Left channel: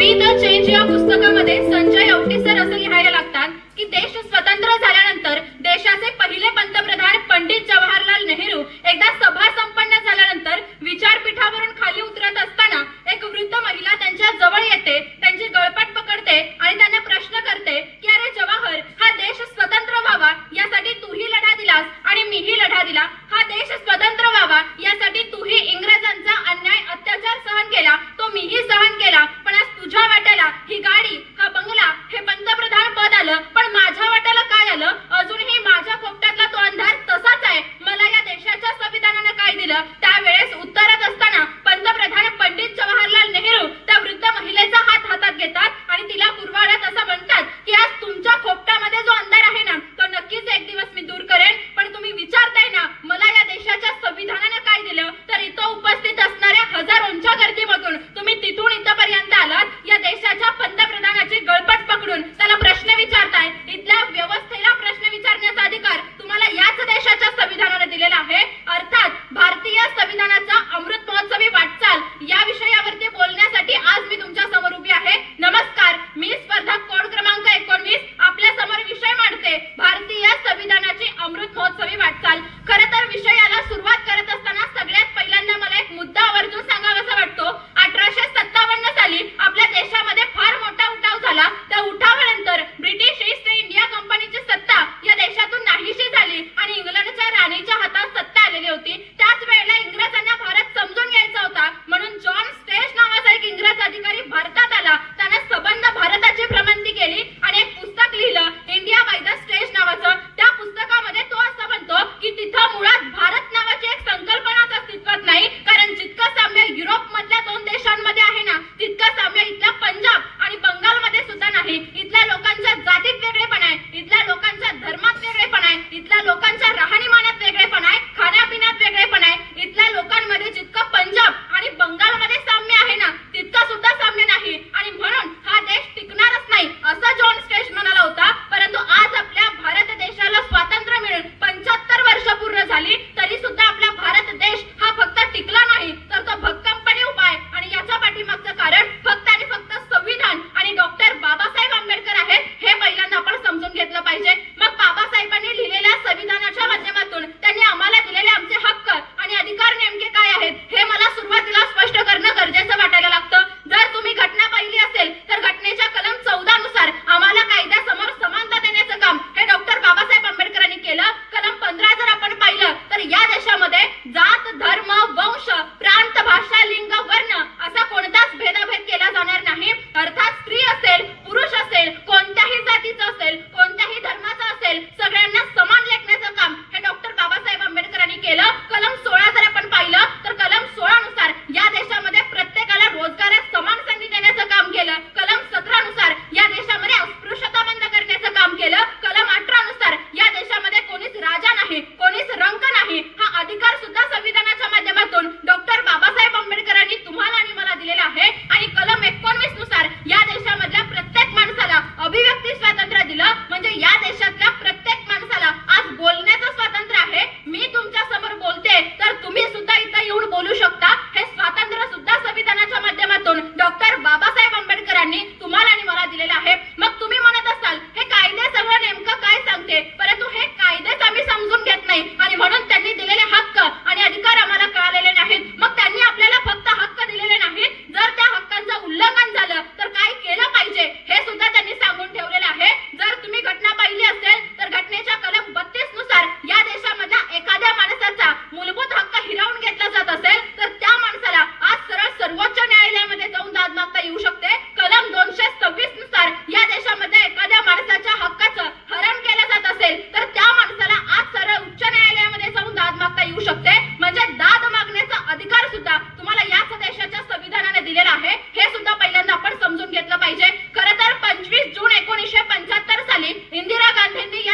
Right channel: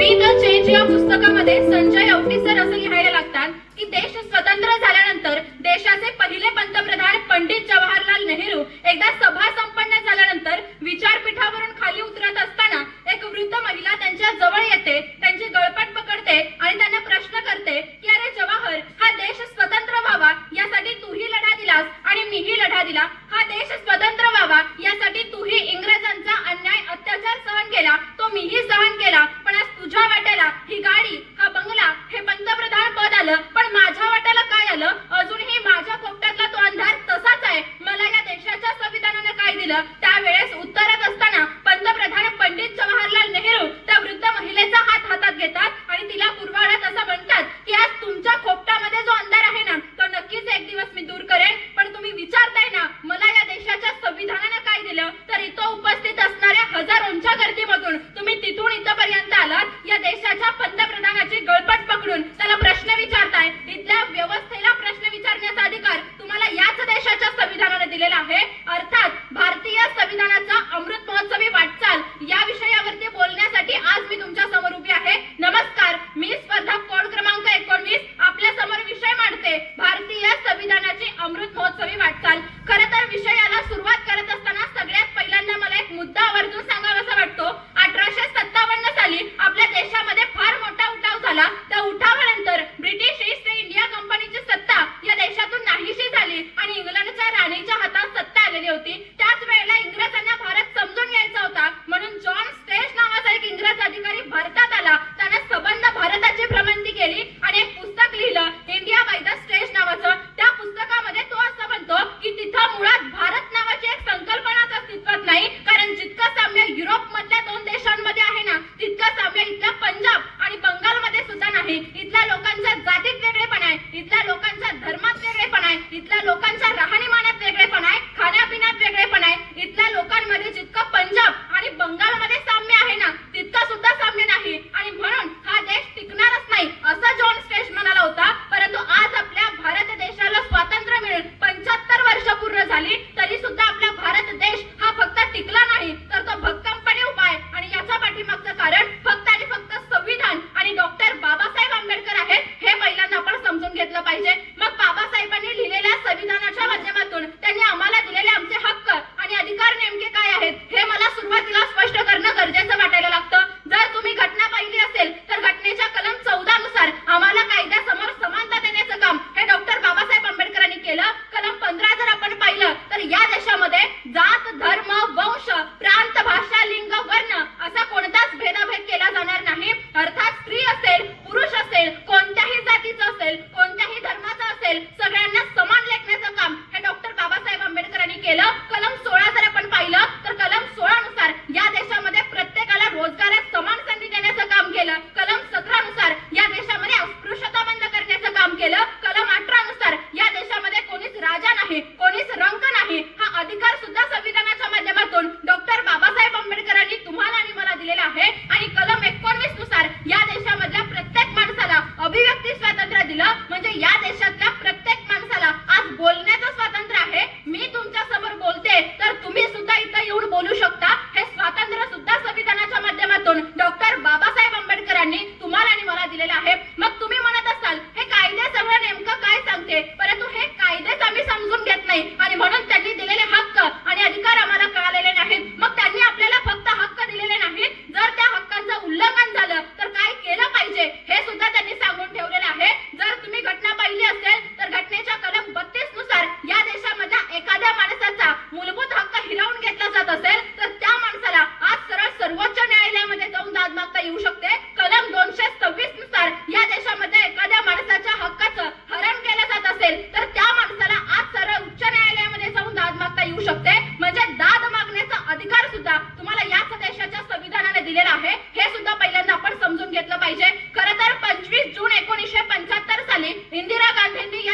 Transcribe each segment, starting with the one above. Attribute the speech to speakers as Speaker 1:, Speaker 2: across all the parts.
Speaker 1: Be the change या पुस्तकामध्ये Sanjay Avati sir असं लिहायला लागतात की देश स्वतंत्र झाल्यानंतर देशाचे पहिले पंतप्रधान पंडित जवाहरलाल नेहरू एकदा सभा संपन्न झाल्यानंतर विचारपीठावरून खाली उतरत असताना एक वृद्ध महिला त्यांच्या जवळ येते त्यांची गळपट पकडते आणि त्यांना प्रश्न करते की अरे जवाहर हा देश स्वतंत्र व्हावा यासाठी तूही लढा दिलास आणि मीही लढा दिला. हा देश स्वतंत्र व्हावा यासाठी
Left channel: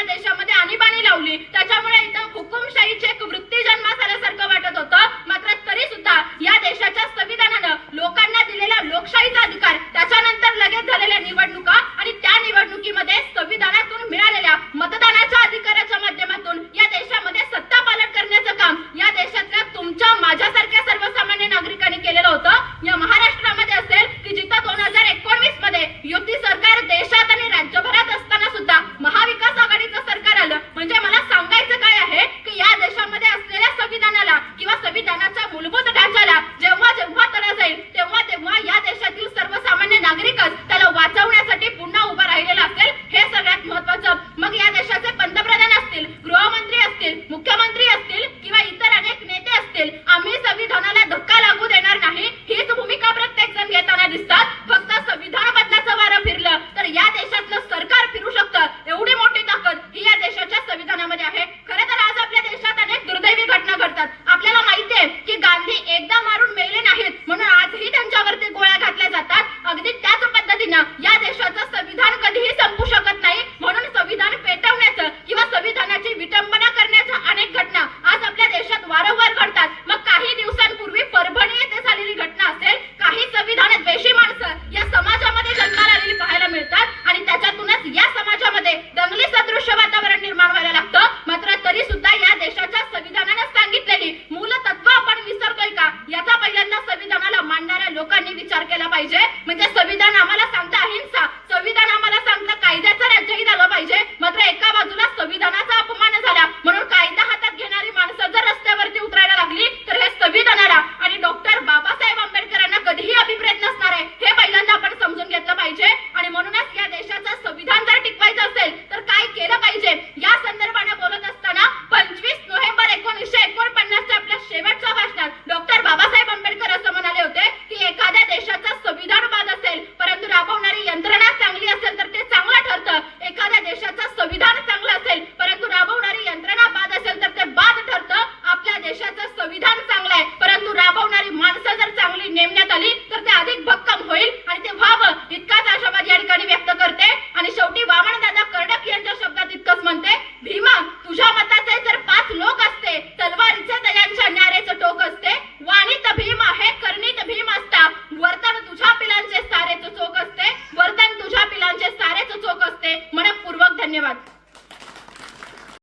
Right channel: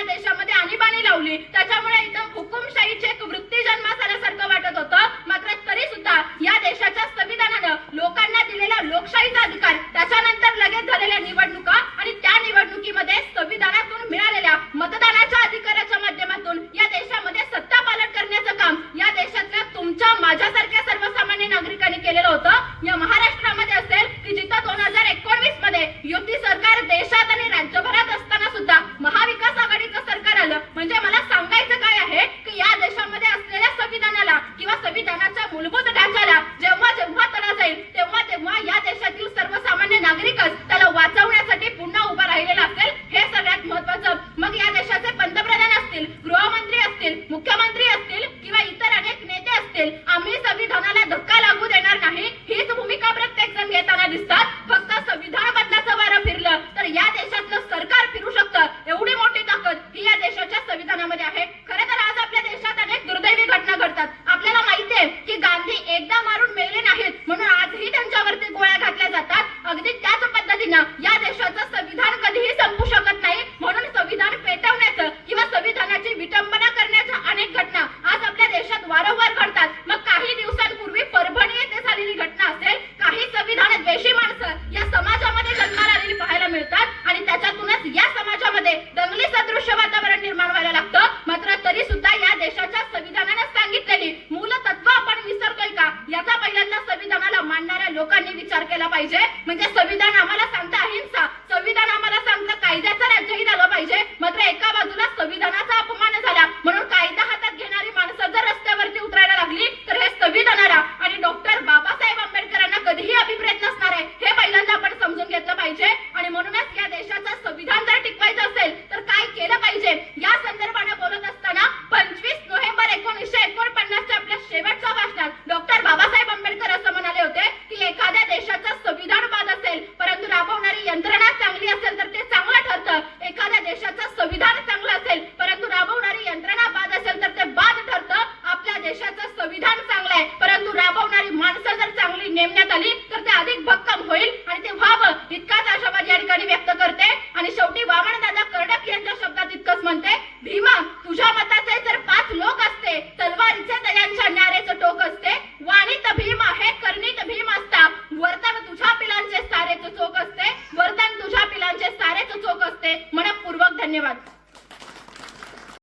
Speaker 1: देशामध्ये आणीबाणी लावली. त्याच्यामुळे इथं हुकुमशाहीची एक वृत्ती जन्मास झाल्यासारखं वाटत होतं. मात्र तरी सुद्धा या देशाच्या संविधानानं लोकांना दिलेला लोकशाहीचा अधिकार त्याच्यानंतर लगेच झालेल्या निवडणुका आणि त्या निवडणुकीमध्ये संविधानातून मिळालेल्या मतदानाच्या अधिकाराच्या माध्यमातून या देशामध्ये सत्ता पालन करण्याचं काम या देशातल्या तुमच्या माझ्यासारख्या सर्वसामान्य नागरिकांनी केलेलं होतं. विचार केला पाहिजे. म्हणजे संविधान आम्हाला